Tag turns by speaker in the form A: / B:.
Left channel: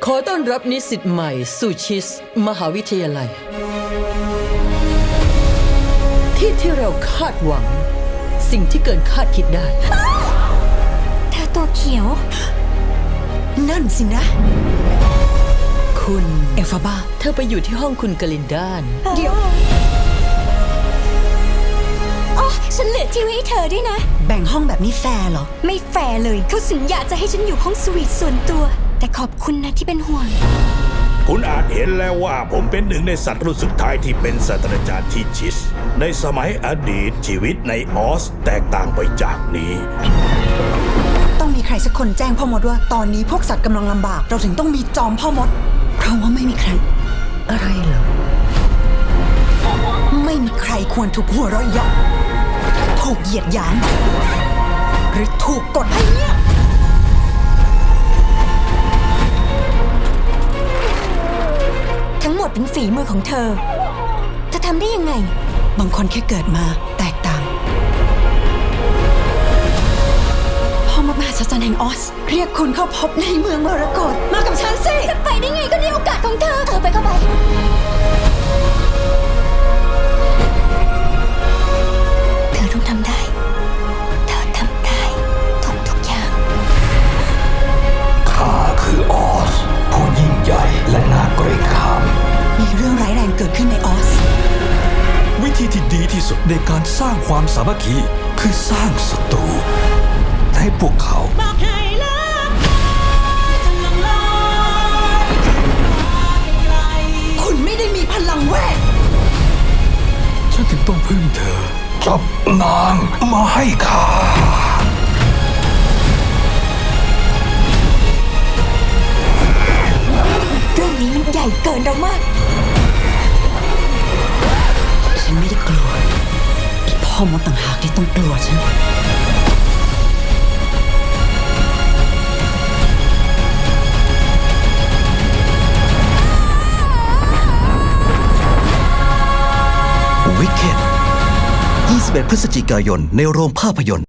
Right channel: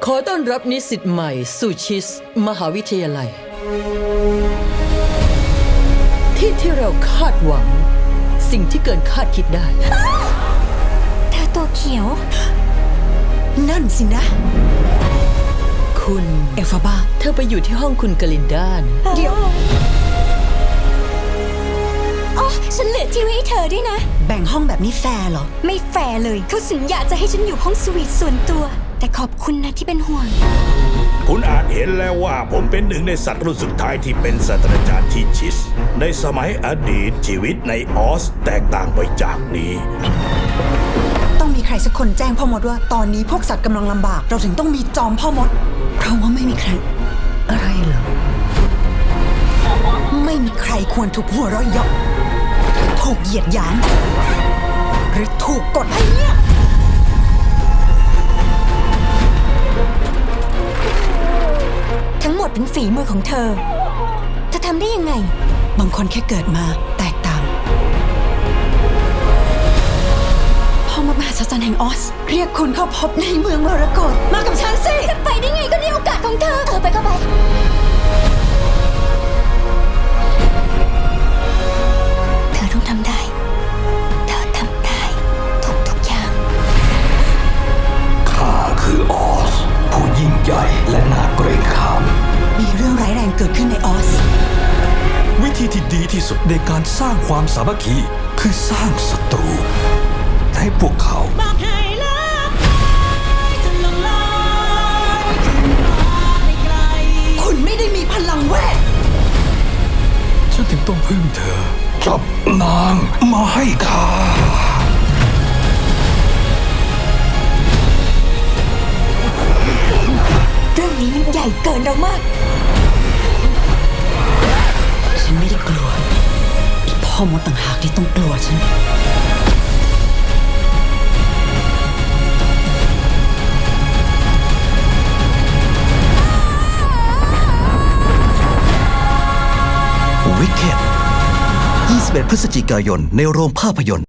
A: ขอต้อนรับนิสิตใหม่สู่ชิสมหาวิทยาลัย ที่เราคาดหวังสิ่งที่เกินคาดคิดได้
B: เธอตัวเขียว
C: นั่นสินะ
A: คุณ
C: เอลฟาบา
A: เธอไปอยู่ที่ห้องคุณกลินดานะ
C: เดี๋ยว
B: อ๋อฉันเหลือที่ไว้ให้เธอด้วยนะ
C: แบ่งห้องแบบนี้แฟร์เหรอ
B: ไม่แฟร์เลย เขาสัญญาจะให้ฉันอยู่ห้องสวีทส่วนตัว แต่ขอบคุณนะที่เป็นห่วง
D: คุณอาจเห็นแล้วว่าผมเป็นหนึ่งในสัตว์รุ่นสุดท้ายที่เป็นศาสตราจารย์ที่ชิส ในสมัยอดีตชีวิตในออสแตกต่างไปจากนี้
C: ต้องมีใครสักคนแจ้งพ่อมดว่าตอนนี้พวกสัตว์กำลังลำบาก เราถึงต้องมีจอมพ่อมด เพราะว่าไม่มีใคร
A: อะไรเหรอ
C: ไม่มีใครควรถูกหัวเราะเยาะถูกเหยียดหยาม หรือถูกกดให้เงียบ
B: ทั้งหมดเป็นฝีมือของเธอทำได้ยังไง
C: บางคนแค่เกิดมาแตกต่าง พ่อมดมหัศจรรย์แห่งออส เรียกคุณเข้าพบในเมืองมรกตมากับฉันสิ
B: จะไปได้ไงก็นี่โอกาสของเธอ ไปก็ไป เธอต้องทำได้ เธอทำได้ทุกอย่าง
E: ข้าคือออส ผู้ยิ่งใหญ่และน่าเกรงขาม
C: มีเรื่องร้ายแรงเกิดขึ้นในออส
E: วิธีที่ดีที่สุดในการสร้างความสามัคคีคือสร้างศัตรูให้พวกเขา
C: คุณไม่ได้มีพลังเวท
E: ฉันถึงต้องพึ่งเธอ จับนางมาให้ข้า
B: เรื่องนี้มันใหญ่เกินเรามาก
C: ฉันไม่ได้กลัวอีพ่อมดต่างหากที่ต้องกลัวฉัน
F: วิกเก็ต 21 พฤศจิกายนในโรงภาพยนตร์